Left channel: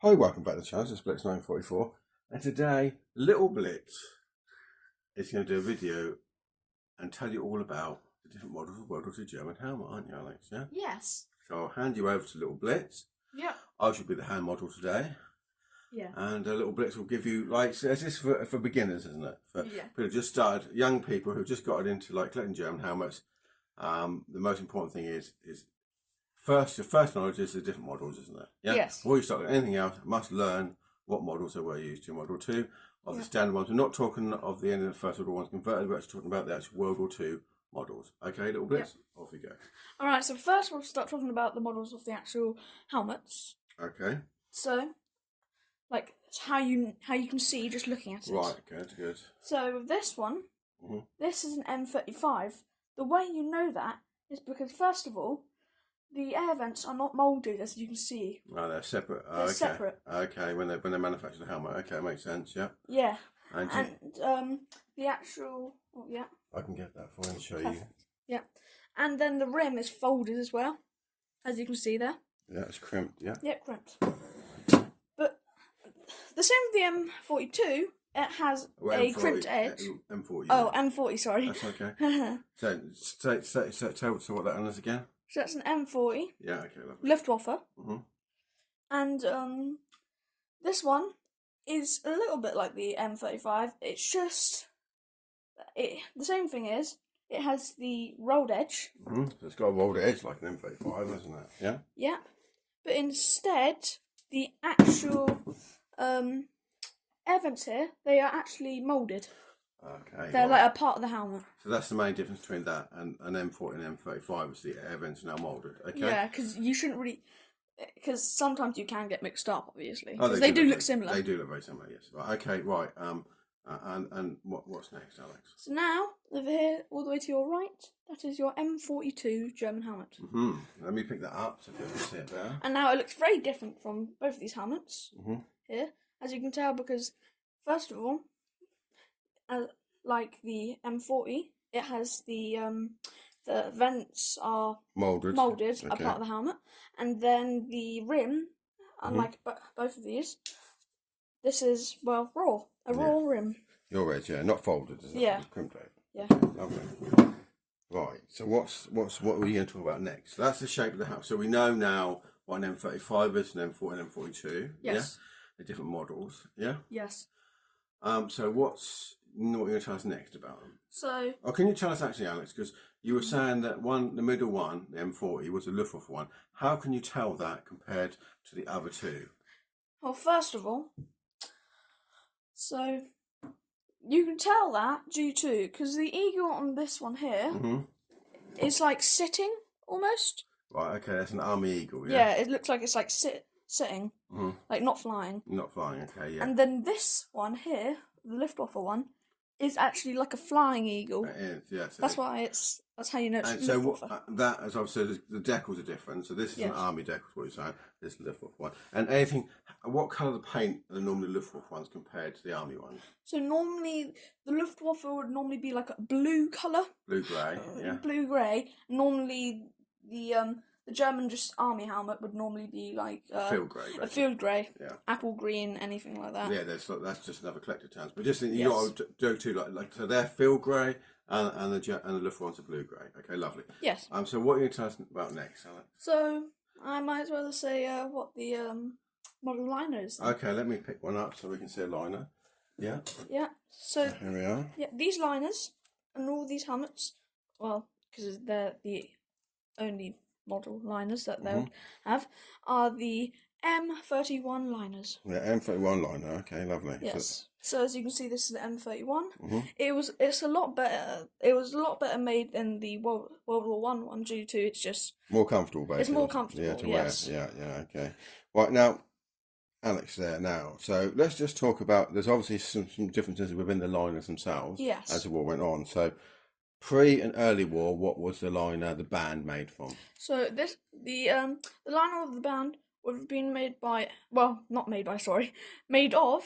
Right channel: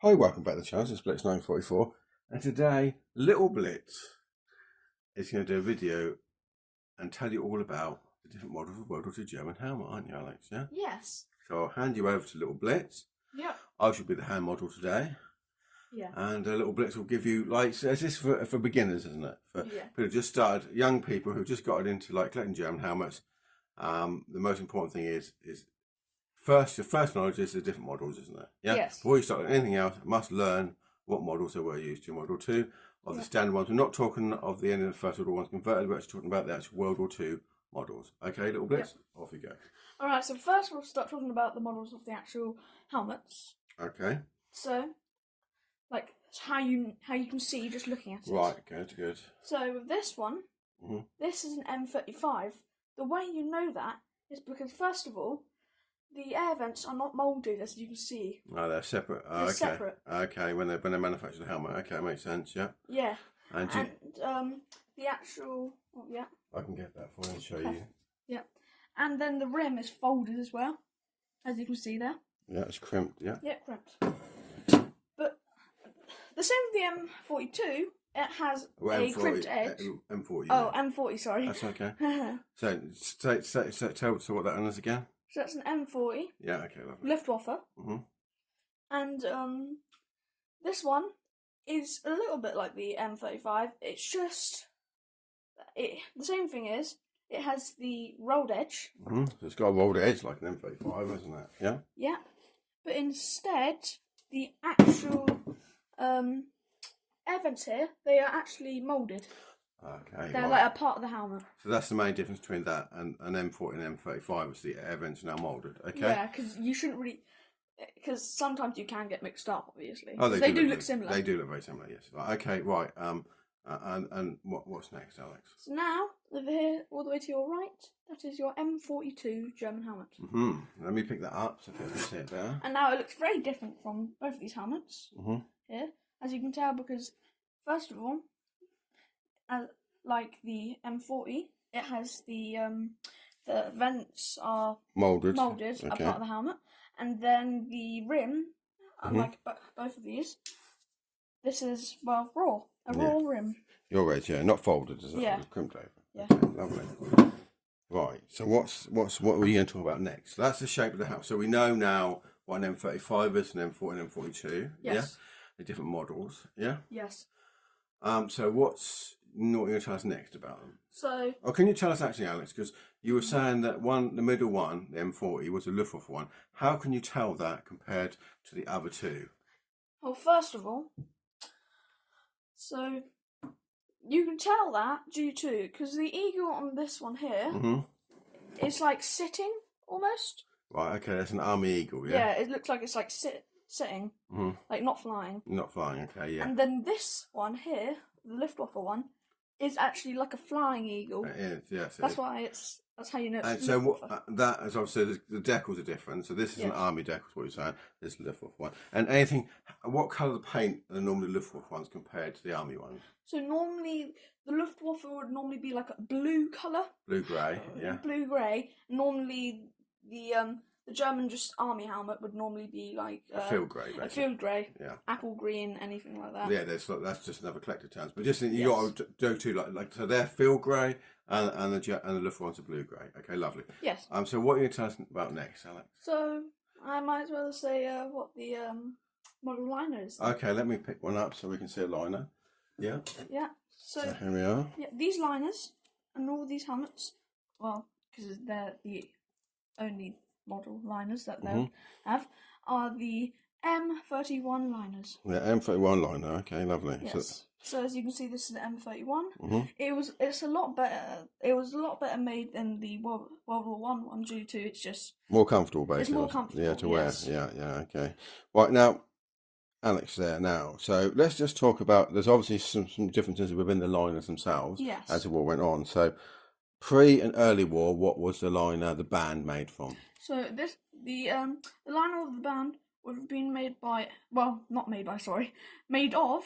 Hi, welcome back to the channel. It's Blitz 944, and today little Blitz is going to do a video and tell you all about the different models of WW2 German helmet, aren't you, Alex? Yeah. Yes. So I'll hand you over to little Blitz. Yeah. I shall be the hand model today. Yeah. And little Blitz will give you this is for beginners, isn't it? For people who just started, young people who just got into collecting German helmets. The most important thing is your first knowledge is the different models, isn't it? Yeah. Yes. Before you start with anything else, you must learn what models there were used to World War II, of the standard ones. We're not talking of the end of the First World War ones converted, we're actually talking about the actual World War II models. Okay, little Blitz? Yep. Off we go. Alright, so first we'll start talking about the models of the actual helmets. Okay. So, like, how you can see just looking at it. Right, good. So with this one, this is an M35. The way you know that is because, first of all, the air vents are not moulded, as you can see. Oh, they're separate. Oh, they're separate. Okay, when they manufacture the helmet. Okay, makes sense. Yeah. Yeah. And the actual. Oh, yeah. I can get that for you and show you. Yeah. And then the rim is folded as well, as you can see there. Yeah, it's crimped. Yeah. Yeah, crimped. But the same with the M42. It has a crimped edge. M40. Oh, M40. Sorry. That's okay. So tell us what that one is again. So that's an M40. Yeah, okay, lovely. Luftwaffe. And this one is a little bit like the M35. It's just the same thing is it has the rolled edge. So it's got a rolled edge like an M35, hasn't it? Yeah. Yeah, but instead the actual air vents here, they are actually moulded. Okay. They're like a part of the helmet. So that's the main difference between that and an M40 and M35, is the air vents are now moulded. Okay. Yeah, because you shouldn't really. Because sometimes you can get mixed up, obviously. Oh, they do look similar. They do look very similar, yes. Okay, right. And what's next, Alex? So now, over here, all the way to your right, that is your M42 German helmet. Let me pick that up so people can see it there. And now it looks very different from both of these helmets here, as you can tell, because first of all, like the M40, it has the vents are moulded, a part of the helmet, and then the rim, unlike both of these, this is raw, a raw rim. Your edge, yeah, not folded, is it? Yeah, it's crimped over. Yeah, okay, lovely. Right, so what were you going to talk about next? So that's the shape of the house. So we know now what an M35 is, an M40 and M42. Yes. Yeah, the different models. Yeah. Yes. So what you're going to tell us next about them? So. Or can you tell us actually, Alex? Because you were saying that the middle one, the M40, was a Luftwaffe one. How can you tell that compared to the other two? Well, first of all, so you can tell that due to because the eagle on this one here is like sitting almost. Right. Okay, that's an army eagle. Yeah. Yeah, it looks like it's like sitting, like not flying. Not flying. Okay. Yeah. And then this one here, the Luftwaffe one, is actually like a flying eagle. It is, yes. That's how you know it's and Luftwaffe. So that is obviously the decals are different. So this is an army decal, what you're saying. This is the Luftwaffe one. And what colour of paint are the normally Luftwaffe ones compared to the army ones? So normally the Luftwaffe would normally be like a blue colour. Blue grey, yeah. Blue grey. Normally the German just army helmet would normally be like a field grey. A field grey. Yeah. Apple green, anything like that. Yeah, that's just another collector terms. But just you got to do two like so they're field grey and the Luftwaffe ones are blue grey. Okay, lovely. Yes. So what are you going to tell us about next, Alex? So I might as well say what the model liner is. Then. Okay, let me pick one up so we can see a liner. Yeah. Yeah. So here we are. Yeah, these liners and all these helmets, well, because they're the only model liners that they'll have, are the M31 liners. Yeah, M31 liner. Okay, lovely. Yes. So as you can see, this is the M31. It's a lot better. It was a lot better made than the World War one due to it's just more comfortable. Basically, it's more comfortable. Yeah, to wear. Yeah. Okay. Right now, Alex, there now. So let's just talk about. There's obviously some differences within the liners themselves. Yes. As the war went on. So pre and early war, what was the liner, the band made from? So the liner of the band would have been made of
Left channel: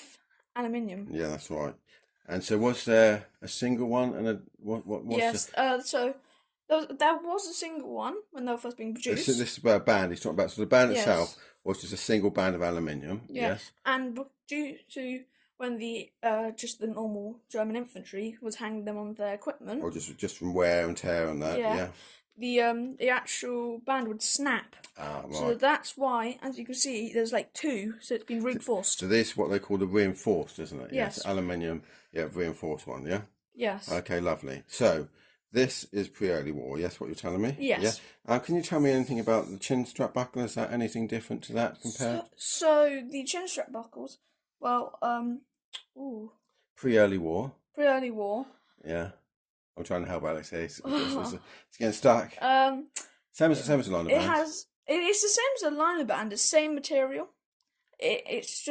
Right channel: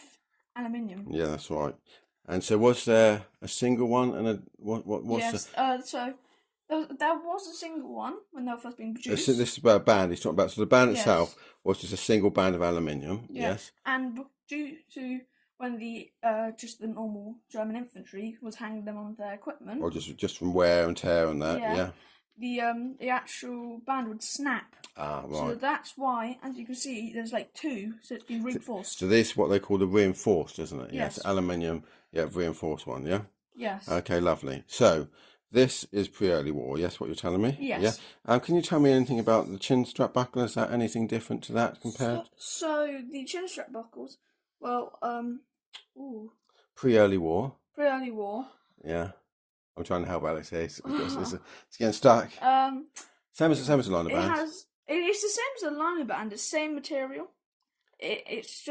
aluminium. Yeah, that's right. And so was there a single one and a what? Yes. So There was a single one when they were first being produced. This is about a band. He's talking about. So the band Yes. itself was just a single band of aluminium. Yeah. Yes. And due to when the just the normal German infantry was hanging them on their equipment, Or just from wear and tear and that. Yeah. The actual band would snap. Ah, right. So that's why, as you can see, there's like two, so it's been reinforced. So this is what they call the reinforced, isn't it? Yes. Aluminium. Yeah, reinforced one. Yeah. Yes. Okay, lovely. So this is pre-early war. Yes, what you're telling me. Yes. Yeah. Can you tell me anything about the chin strap buckle? Is that anything different to that compared? So the chin strap buckles. Well, Pre-early war. Pre-early war. Yeah. I'm trying to help Alex here. It's getting stuck. Same as the liner band. It's the same as the liner band. The same material. It's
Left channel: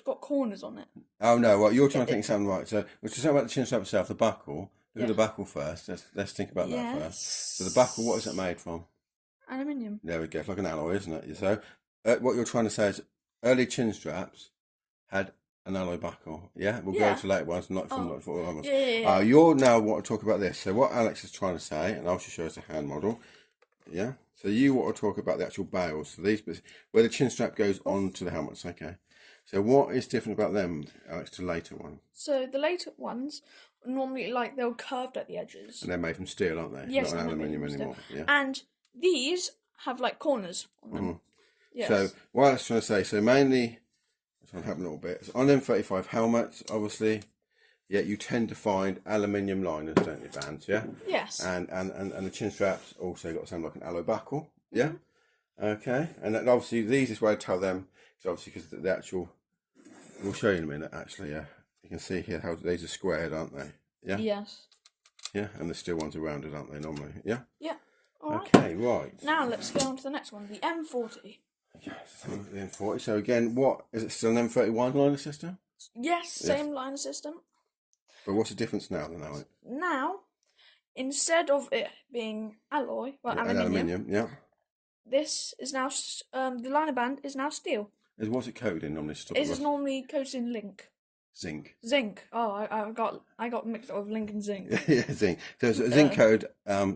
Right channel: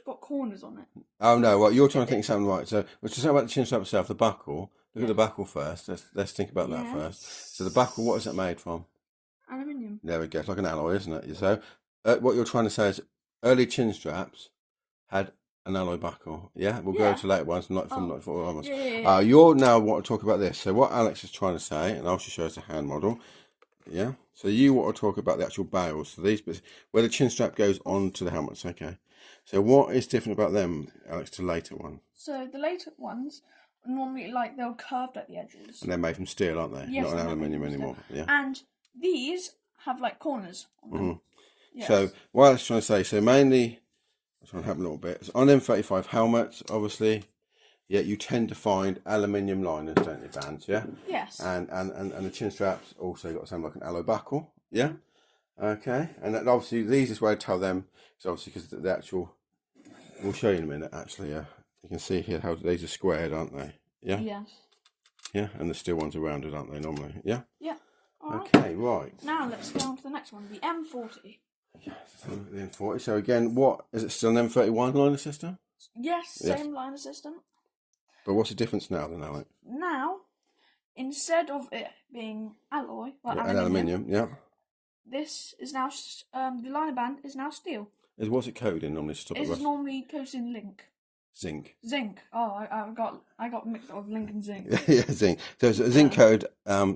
got corners on it. Oh no! Well, you're trying to think something right. So we're talking about the chin strap itself, the buckle. Look at the buckle first. Let's think about that first. So the buckle, what is it made from? Aluminium. There we go. It's like an alloy, isn't it? So what you're trying to say is early chin straps had an alloy buckle. Yeah, we'll go to later ones, not from 94 onwards. You're now want to talk about this. So what Alex is trying to say, and I'll show us a hand model. Yeah. So you want to talk about the actual bales. So these bits where the chin strap goes onto the helmets. Okay. So what is different about them, Alex, to later ones? So the later ones normally they're curved at the edges. And they're made from steel, aren't they? Yes, not an aluminium anymore. Yeah. And these have corners on them. Yes. So what I was trying to say, so mainly I'm trying to help a little bit. So on M35 helmets, obviously, you tend to find aluminium liners, don't you, bands? Yeah. Yes. And the chin straps also got something like an alloy buckle. Yeah. Okay. And then obviously these is where I tell them. So obviously because the actual, we'll show you in a minute. Actually, yeah. You can see here how these are squared, aren't they? Yeah. Yes. Yeah, and the steel ones are rounded, aren't they, normally? Yeah? Yeah. Okay, right. Now let's go on to the next one, the M40. Yes, the M40. So again, what is it still an M31 liner system? Yes, same liner system. But what's the difference now then, Alex? Now, instead of it being alloy, aluminium, yeah. This is now the liner band is now steel. What's it coated in normally? It is normally coated in zinc. Zinc. Oh, I got mixed up with link and zinc. Yeah, zinc. So it's a zinc coated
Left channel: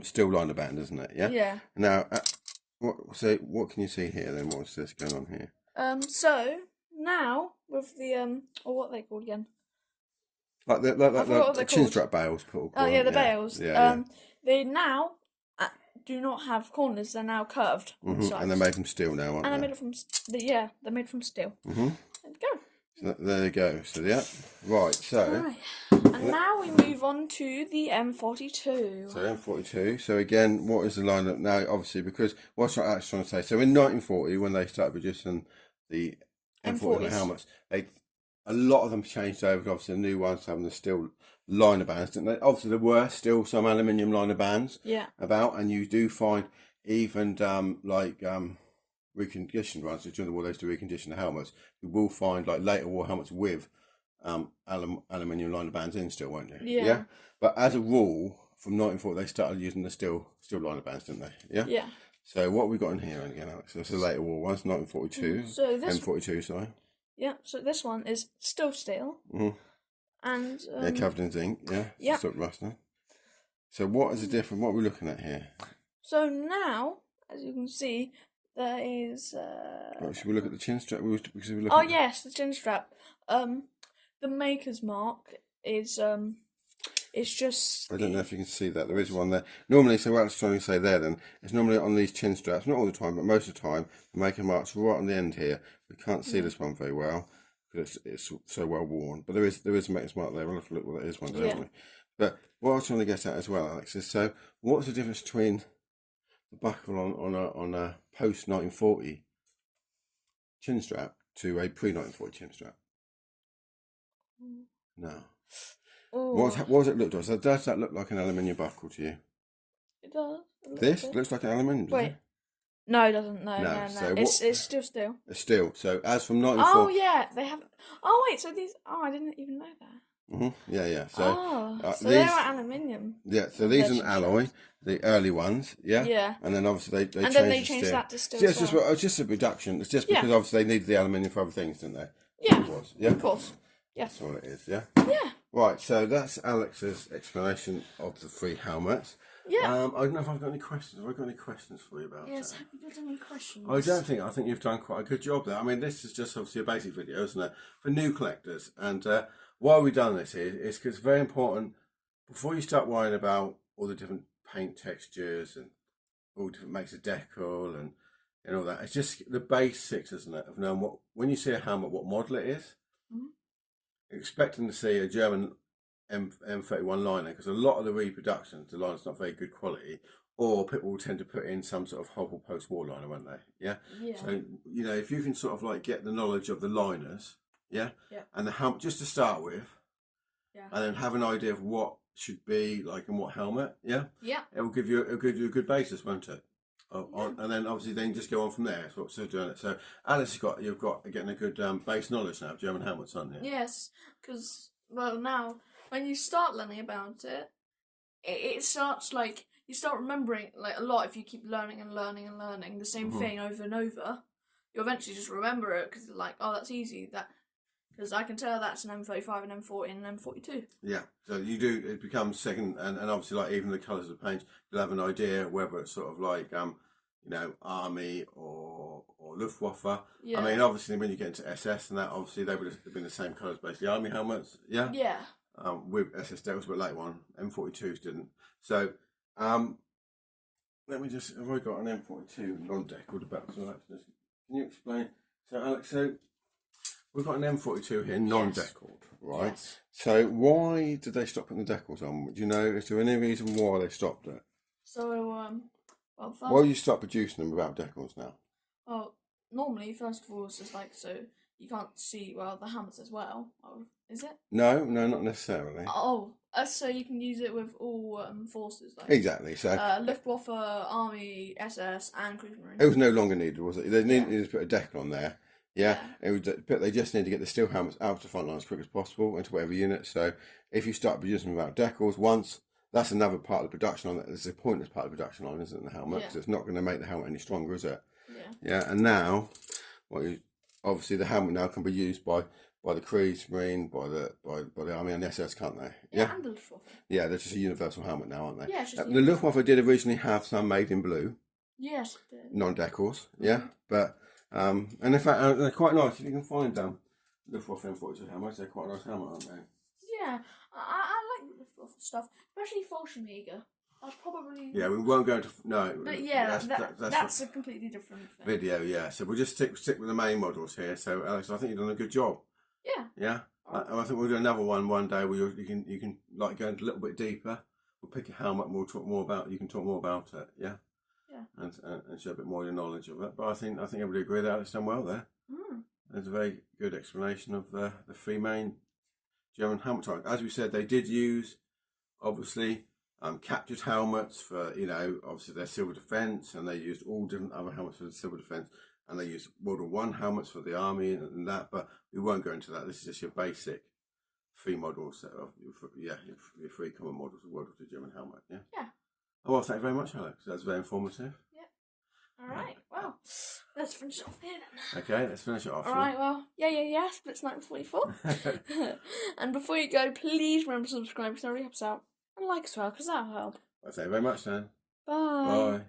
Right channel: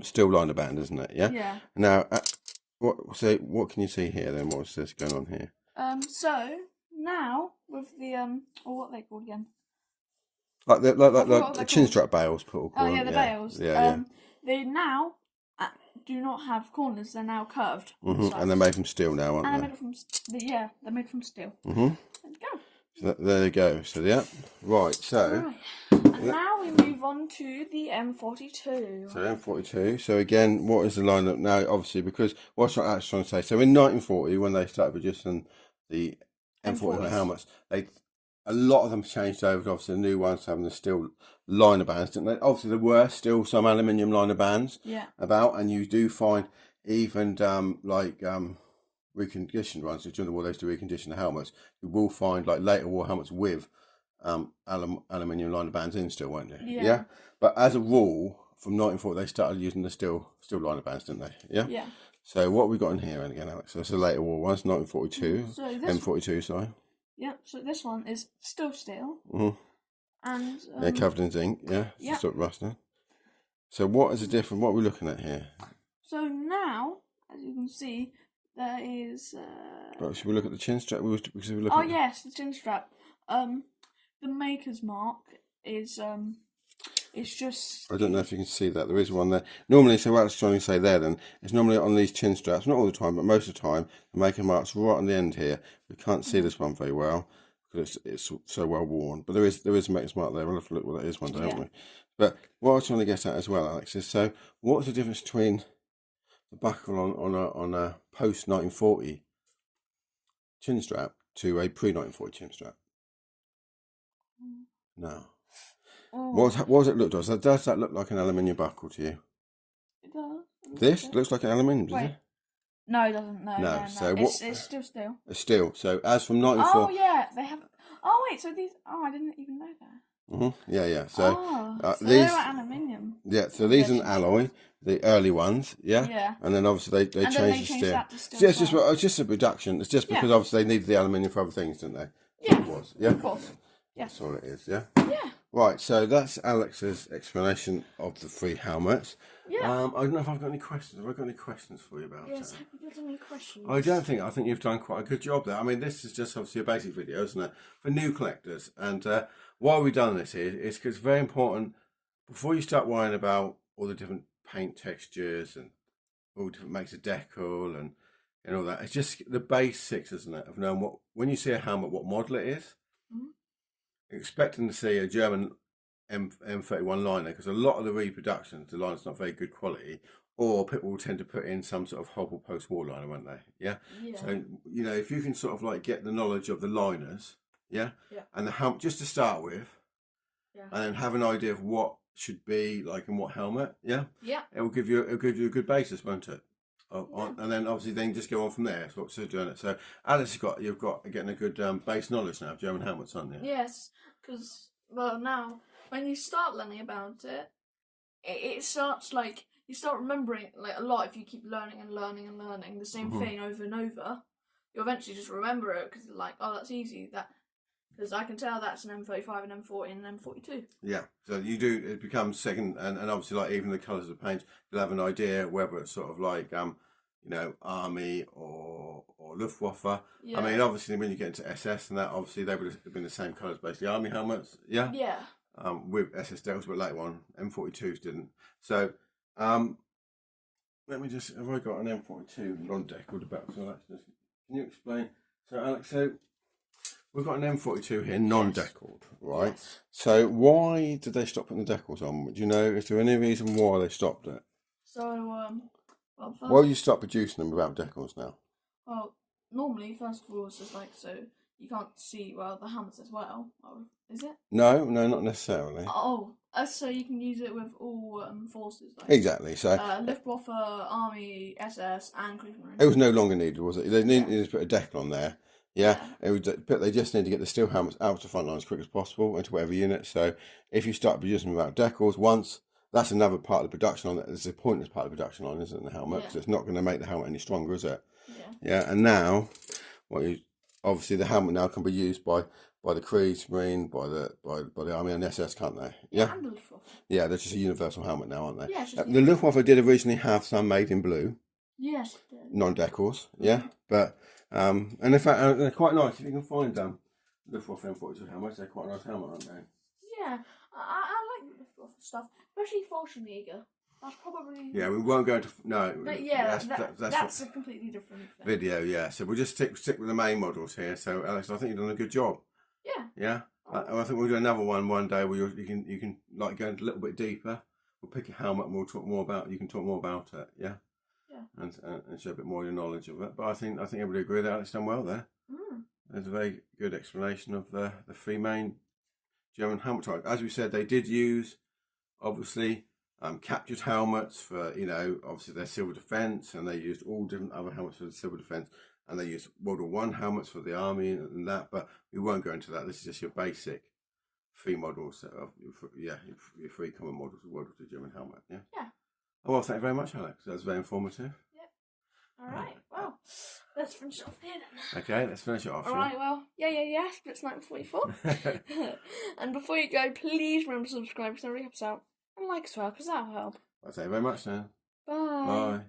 steel liner band, isn't it? Yeah. Yeah. Now, what can you see here then? What's this going on here? So now with the what are they called again? Like the chin strap bales, Paul. Oh yeah, the bales. Yeah. They now do not have corners. They're now curved. And they're made from steel now, aren't they? And they're made from steel. There you go. So there you go. So yeah, right. So now we move on to the M42. So M42. So again, what is the lineup now? Obviously, because what's I actually trying to say. So in 1940, when they started producing the M40 helmets, a lot of them changed over. Obviously, the new ones having the steel liner bands, didn't they? Obviously, there were still some aluminium liner bands about, and you do find even reconditioned ones. So during the war, they used to recondition the helmets. You will find later war helmets with aluminium liner bands in still, won't you? Yeah. But as a rule, from 1940, they started using the steel liner bands, didn't they? Yeah. Yeah. So what have we got in here again, Alex? So it's a later war one. It's 1942. So this M42, sorry. Yeah. So this one is still steel. And covered in zinc. Yeah. Yeah. Sort of rusting. So what is the difference? What are we looking at here? So now, as you can see, there is. Should we look at the chin strap? Yes, the chin strap. The maker's mark is it's just. I don't know if you can see that. There is one there. Normally, so what I was trying to say there then, is normally on these chin straps, not all the time, but most of the time, the maker mark's right on the end here. We can't see this one very well because it's so well worn. But there is a maker's mark there. We'll have to look what that is one day, won't we? But what I was trying to get at as well, Alex, is so what's the difference between the buckle on a post 1940 chin strap to a pre 1940 chin strap? No. What does it look like? So does that look like an aluminium buckle to you? It does. This looks like an aluminium, doesn't it? No, it doesn't. No. So it's still steel. It's steel. So as from 1940. Oh yeah, they have. Oh wait, so these. Oh, I didn't even know that. Yeah. So, so these they're aluminium. Yeah. So these are an alloy. The early ones, yeah. And then obviously they changed the steel. That to steel. It's just a reduction. It's just because obviously they needed the aluminium for other things, didn't they? Yeah. It was. Yeah. Of course. Yeah. That's all it is. Yeah. Yeah. Right. So that's Alex's explanation of the three helmets. Yeah. I don't know if I've got any questions. Have I got any questions for you about Yes, it? have you got any questions? I think you've done quite a good job there. I mean, this is just obviously a basic video, isn't it? For new collectors. And why we've done this is because it's very important, before you start worrying about all the different paint textures and all different makes of decal and all that, it's just the basics, isn't it, of knowing when you see a helmet, what model it is. Expecting to see a German M31 liner, because a lot of the reproductions, the liner's not very good quality, or people will tend to put in some sort of hobble post wall liner, won't they? Yeah. So if you can sort of like get the knowledge of the liners, and the helmet just to start with, and then have an idea of what should be like in what helmet, it will give you a good basis, won't it? And then obviously then just go on from there. That's what we're doing it. So Alice, you've got getting a good base knowledge now of German helmets, aren't you? Yes, because now when you start learning about it, it starts like you start remembering like a lot. If you keep learning and learning and learning the same thing over and over, you eventually just remember it because like, oh, that's easy. Because I can tell that's an M35, an M40 and an M42. Yeah, so you do, it becomes second, and obviously like even the colours of paint, you'll have an idea whether it's sort of like, Army or Luftwaffe. Yeah. I mean, obviously when you get into SS and that, obviously they would have been the same colours, basically Army helmets, Yeah. With SS decals, but later on, M42s didn't. So, let me just, have I got an M42 non-decaled about? So can you explain? So Alex, we've got an M42 here, non-decaled, right? Yes. So why did they stop putting the decals on? Do you know, is there any reason why they stopped it? So, why you stop producing them without decals now? Well, normally, first of all, it's just like, so you can't see, the helmets as well, or is it? No, not necessarily. Oh, so you can use it with all forces. Like, exactly, so... Luftwaffe, Army, SS, and Cruise Marine. It was no longer needed, was it? They needed to put a decal on there. But they just need to get the steel helmets out to the front line as quick as possible into whatever unit. So if you start producing without decals once, that's another part of the production line. It's a pointless part of the production line, isn't it, the helmet? Because it's not going to make the helmet any stronger, is it? And now, obviously the helmet now can be used by the Cruise Marine, by the Army and the SS, can't they? And the Luftwaffe. Yeah, they're just a universal helmet now, aren't they? Yeah, the Luftwaffe did originally have some made in blue. Yes, it did. Non-decals, but and in fact they're quite nice. If you can find Luftwaffe M42 helmets, they're quite a nice helmet, aren't they? Yeah, I like Luftwaffe stuff, especially Fallschirmjäger. That's probably... Yeah, we won't go into... No. But that's a completely different thing. Video, yeah. So we'll just stick with the main models here. So, Alex, I think you've done a good job. Yeah. Yeah? I think we'll do another one day where you can like go a little bit deeper. We'll pick a helmet and we'll talk more about... You can talk more about it, yeah? Yeah. And show a bit more of your knowledge of it. But I think everybody agreed that Alex done well there. There's a very good explanation of the three main German helmet types. As we said, they did use, obviously... captured helmets for, obviously their civil defence, and they used all different other helmets for the civil defence, and they used World War I helmets for the Army and that, but we won't go into that. This is just your basic three models, your three common models of World War II German helmet, yeah? Yeah. Oh, well, thank you very much, Alex. That's very informative. Yeah. Alright, well, let's finish off here then. Okay, let's finish it off. Alright, well, Blitz 1944. And before you go, please remember to subscribe because that really helps out. And like as well, because that'll help. Well, thank you very much then. Bye. Bye.